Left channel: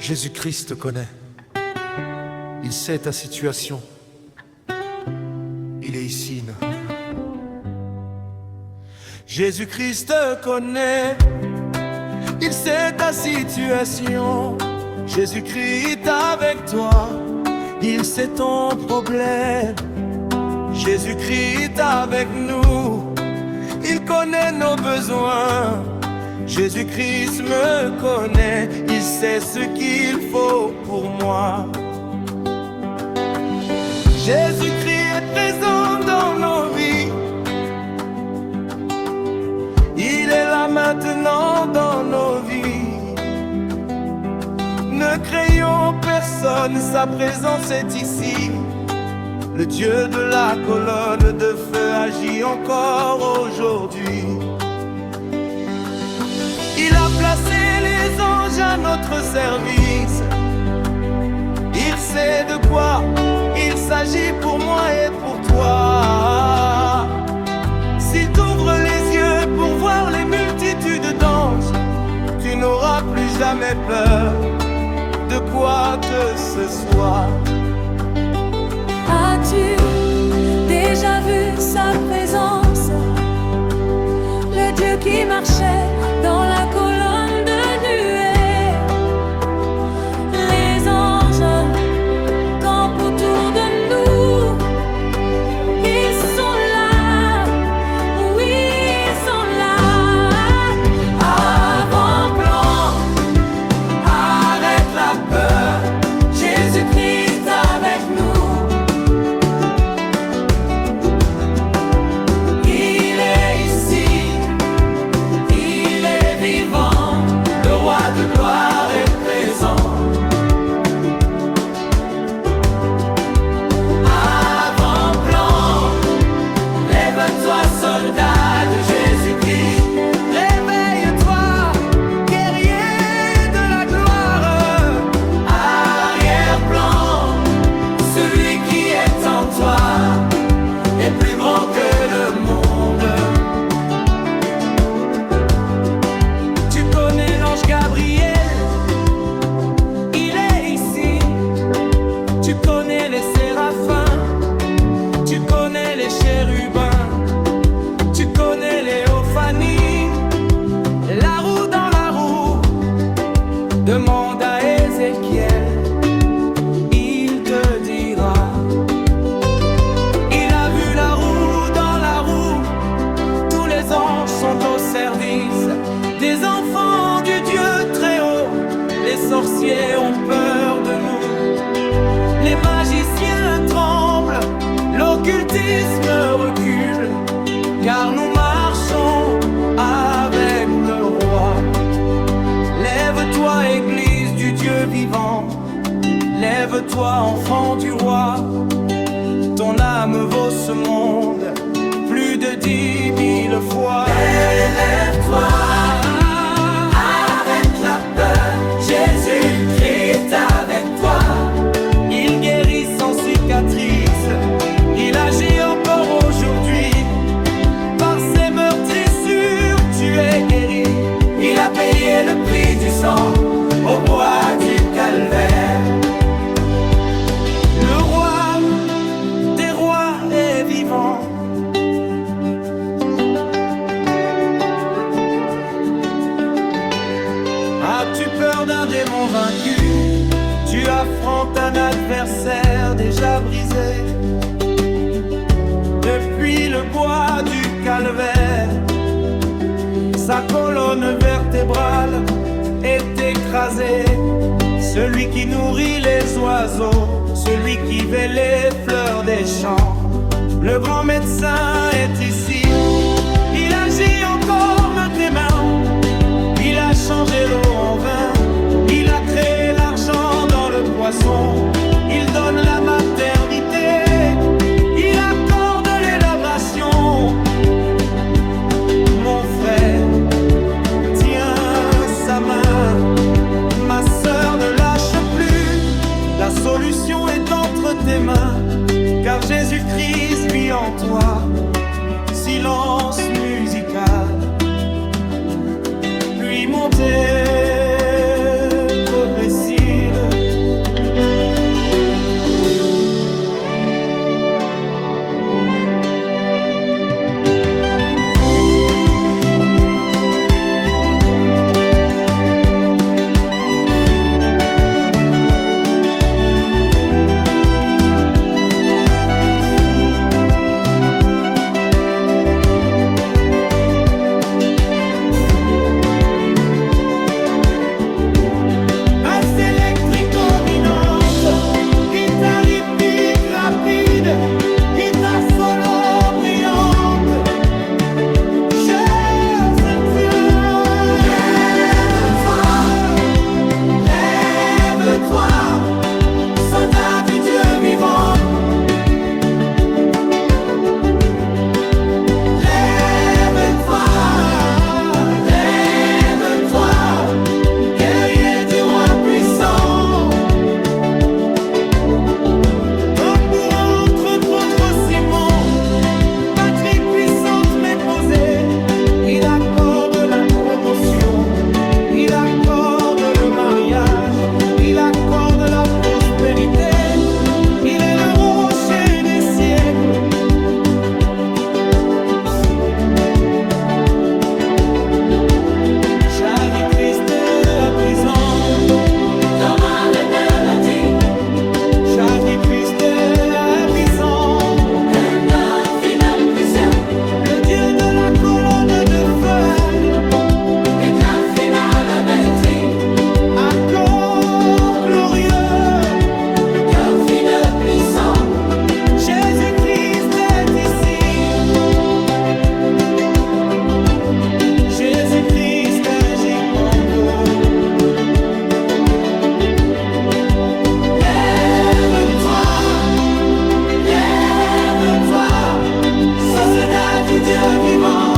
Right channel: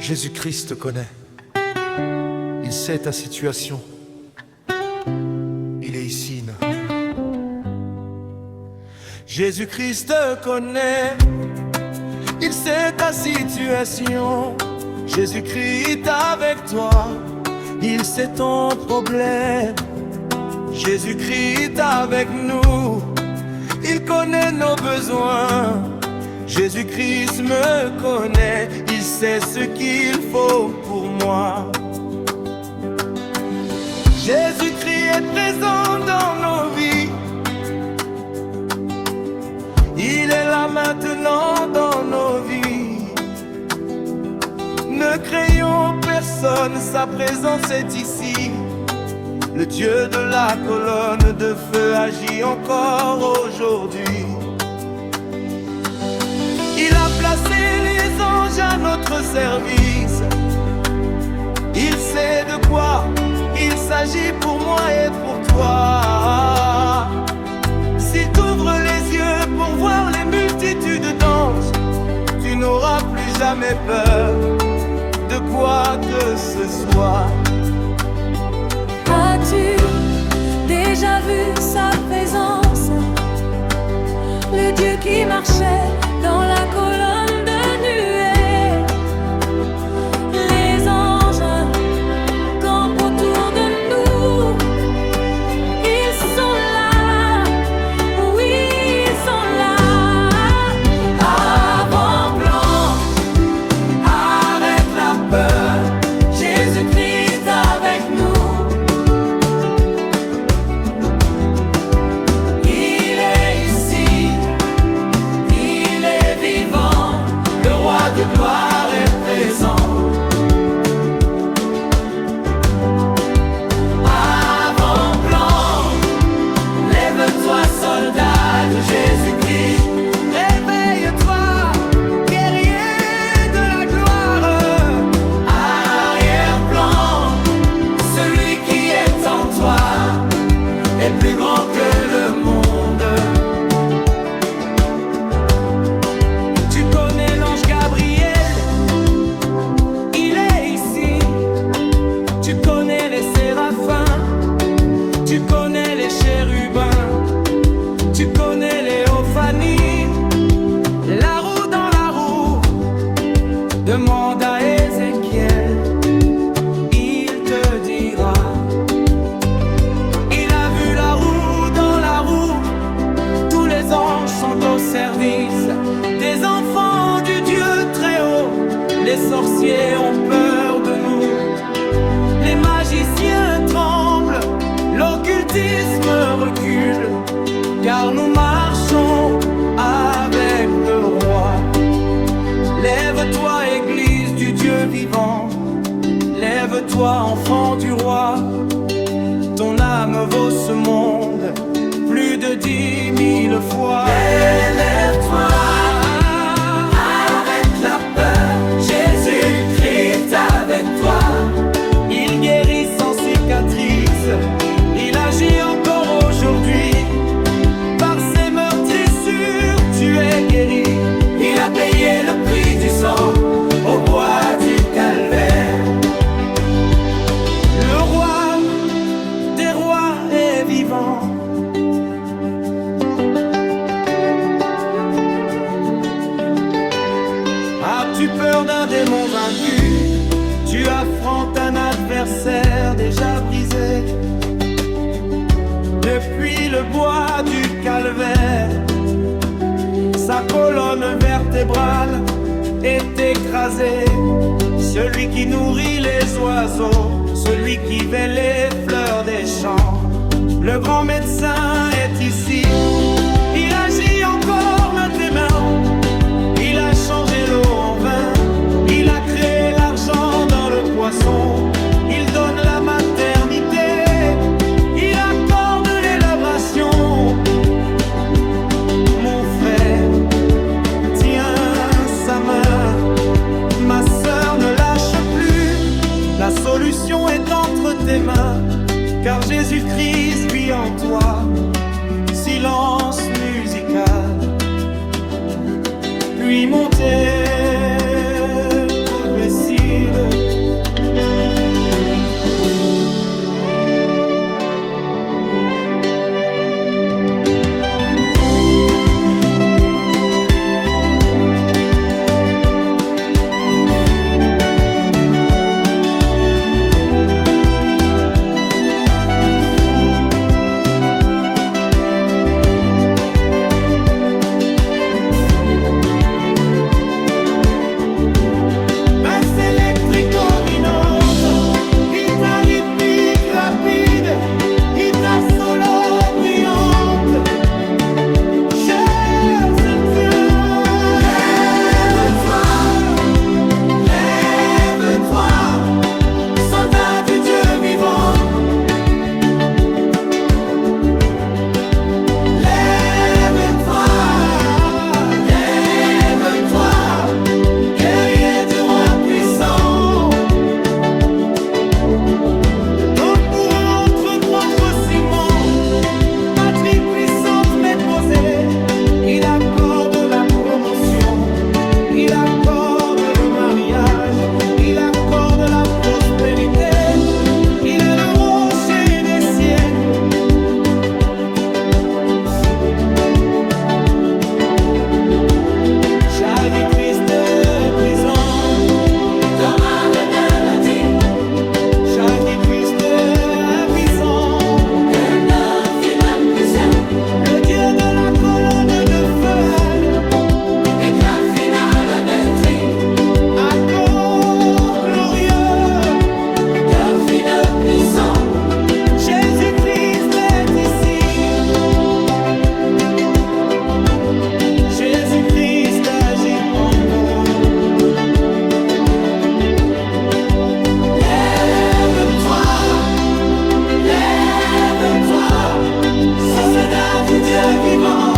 Jésus-Christ te connaît. Il sait ta situation. Il est ici. Jésus-Christ te connaît. Il sait ta situation. Jésus-Christ est avec toi. Il sait ton problème. Jésus-Christ est avec nous. Il connaît nos besoins. Jésus-Christ me connaît. Il sait ce qu'il faut pour moi. Jésus-Christ est présent dans nos vies. Il est là maintenant dans nos vies. Ne craignons personne, sa présence est ici. Le Dieu de la colonne de feu agit encore aujourd'hui. Il a placé les anges à notre service. Il sait de quoi il s'agit pour moi et pour toi. S'il t'ouvre les yeux pour voir les multitudes d'anges, tu n'auras plus jamais peur de quoi que ce soit. As-tu déjà vu sa présence? Le Dieu qui marchait dans la colonne de nuée. Les anges campent autour de nous. Ils sont là, oui, ils sont là. Avant-plan, Arrête la peur. Jésus-Christ avec nous. Il est ici. Il est vivant. Le roi de gloire est présent. Avant-plan, lève-toi, soldat de Jésus-Christ. Réveille-toi, guerrier de la gloire. Arrière-plan, celui qui est en toi est plus grand que le monde. Tu connais l'ange Gabriel, il est ici. Tu connais les séraphins, tu connais les chérubins, tu connais les Ophanies, la roue dans la roue. Demande à Ézéchiel, il te dira. Il a vu la roue dans la roue. Tous les anges sont au service des enfants du Dieu très haut. Les sorciers ont peur de nous, les magiciens tremblent, l'occultisme recule, car nous marchons avec le roi. Lève-toi, Église du Dieu vivant. Lève-toi, enfant du roi. Ton âme vaut ce monde plus de 10 000 fois. Lève-toi, arrête la peur. Jésus-Christ avec toi. Il guérit sans cicatrice. Il agit encore aujourd'hui. Par ses meurtrissures, tu es guéri. Il a payé le prix du sang au bois du calvaire. Le roi des rois est vivant. As-tu peur d'un démon vaincu? Tu affrontes un adversaire déjà brisé. Depuis le bois du calvaire, sa colonne vertébrale est écrasée. Celui qui nourrit les oiseaux, celui qui veille les fleurs des champs, le grand médecin est ici. Il agit encore de tes mains. Il a changé l'eau en vin. Il a créé l'argent dans le poisson. Il donne la maternité. Il accorde l'élaboration. Mon frère, tiens sa main. Ma sœur, ne lâche plus. La solution est entre tes mains, car Jésus-Christ vit en toi. Silence musical, puis monter, progresser. irrépressible. Guitare solo brillante, cher Cynthia. Lève-toi, soldat du Dieu vivant. Lève-toi, lève-toi, guerrier du roi puissant. Patrie puissante mais posée, il accorde la promotion, il accorde le mariage, il accorde la prospérité, il est le rocher des siècles. Jaillit triste prison, Thomas le bâti, jaillit triste puissant. Jésus-Christ agit encore. Lève-toi, lève-toi, soldat du Dieu vivant.